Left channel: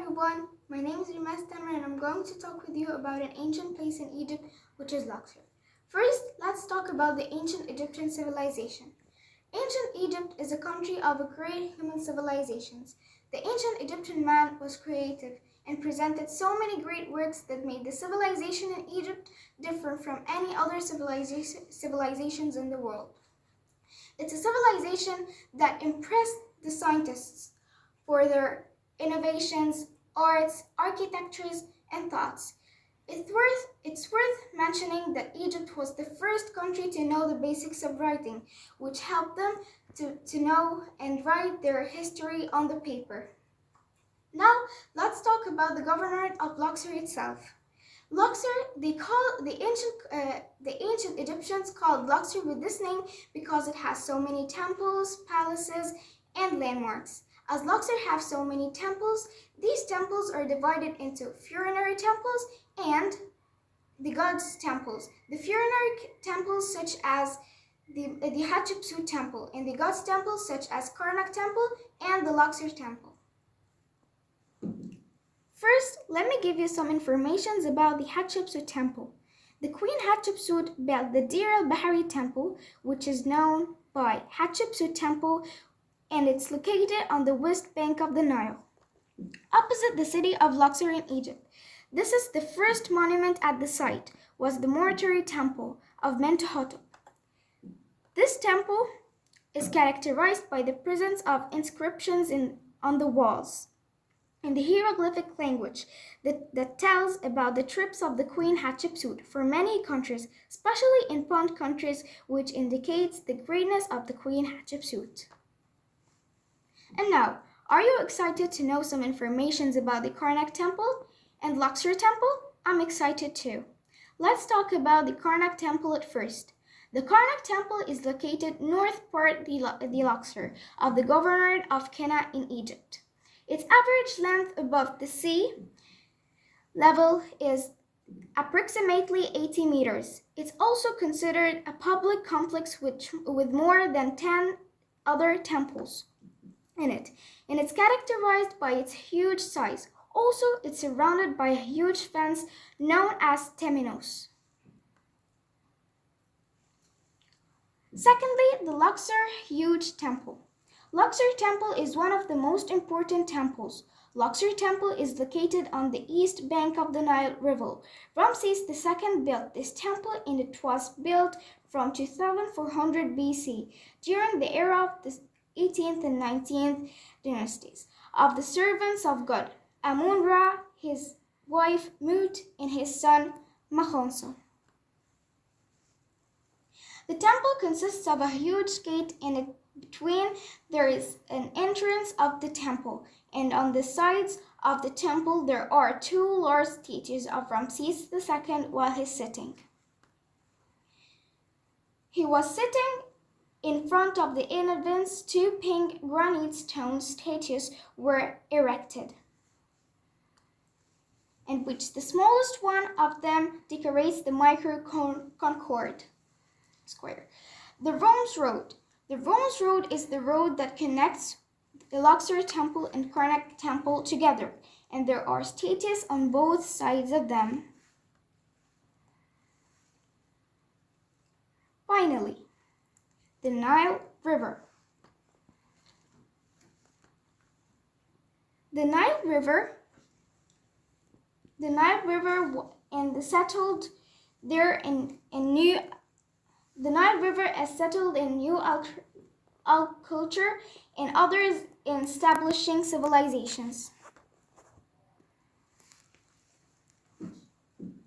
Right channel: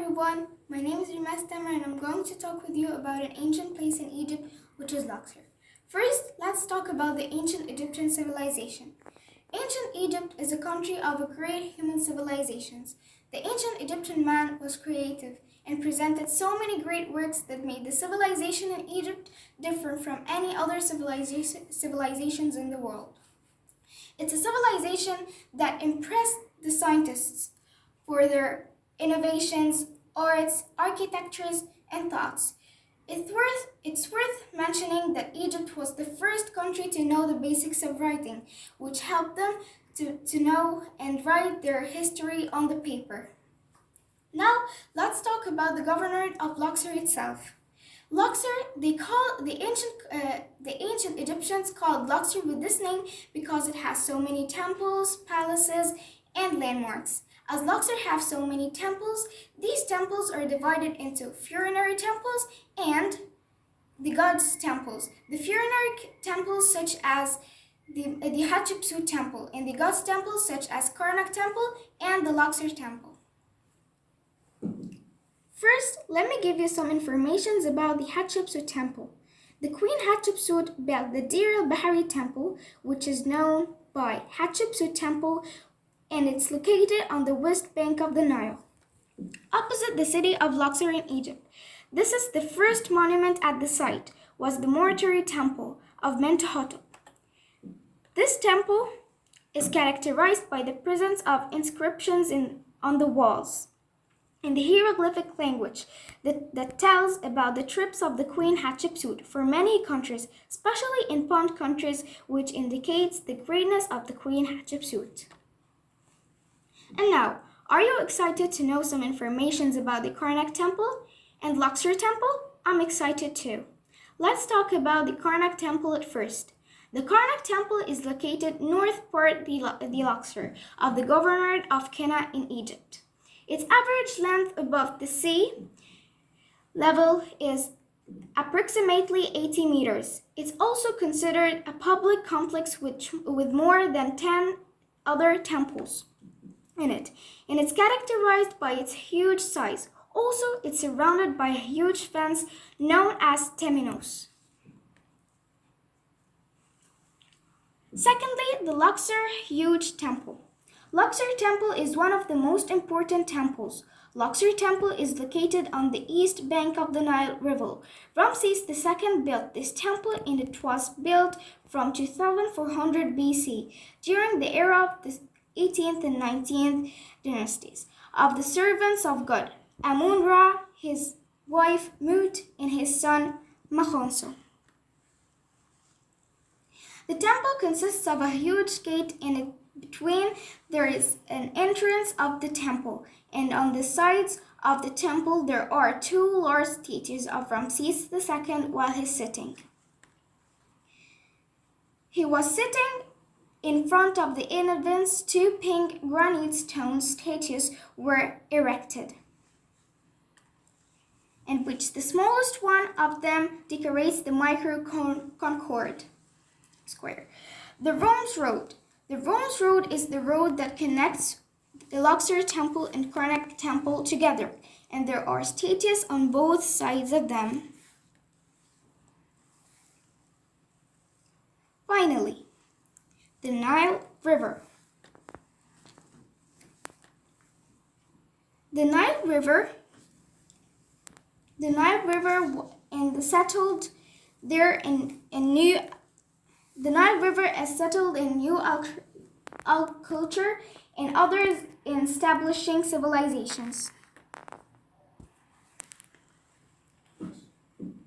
everyone, my name is Rema Tamer and I'm going to talk with you about an ancient place in Egypt, which is Luxor. First, let's talk about the ancient Egyptian civilization. Ancient Egypt is a country of great human civilizations. The ancient Egyptian man was creative and presented so many great works that made the civilization in Egypt different from any other civilizations in the world. It's a civilization that impressed the scientists for their innovations, arts, architectures, and thoughts. It's worth mentioning that Egypt was the first country to know the basics of writing, which helped them to know and write their history on the paper. Now, let's talk about the governorate of Luxor itself. Luxor, the ancient Egyptians called Luxor with this name because it has so many temples, palaces, and landmarks. As Luxor has so many temples, these temples are divided into funerary temples and the gods' temples. The funerary temples such as the Hatshepsut temple and the gods' temples such as Karnak temple and the Luxor temple. First, let me give you some information about the Hatshepsut temple. The Queen Hatshepsut built the Deir el-Bahari temple, which is known by Hatshepsut temple, and it's located on the west bank of the Nile, opposite the city of Luxor in Egypt. This is the first monument at the site, was the mortuary temple of Mentuhotep. This temple is characterized by the presence of inscriptions on the walls in the hieroglyphic language that tells about the trips of the Queen Hatshepsut for many countries, especially in Pond countries, which indicates the greatness of the Queen Hatshepsut. And now, are you excited to know some information about the Karnak temple and Luxor temple? I'm excited too. Let's talk about the Karnak temple at first. The Karnak temple is located north part the Luxor of the governorate of Kena in Egypt. Its average length above the sea level is approximately 80 meters. It's also considered a public complex with more than 10 other temples in it, and it's characterized by its huge size. Also, it's surrounded by a huge fence known as Temenos. Secondly, the Luxor huge temple. Luxor temple is one of the most important temples. Luxor temple is located on the east bank of the Nile River. Ramses II built this temple and it was built from 2400 BC during the era of the 18th and 19th dynasties of the servants of God, Amun-Ra, his wife Mut, and his son Makhonso. The temple consists of a huge gate and between there is an entrance of the temple, and on the sides of the temple there are two large statues of Ramses II while he's sitting. He was sitting in front of the entrance. Two pink granite stone statues were erected, in which the smallest one of them decorates the micro-concord square. The Rome's Road. The Rome's Road is the road that connects the Luxor temple and Karnak temple together, and there are statues on both sides of them. Finally, the Nile River. The Nile River and settled there in new. The Nile River is settled in new culture and others in establishing civilizations.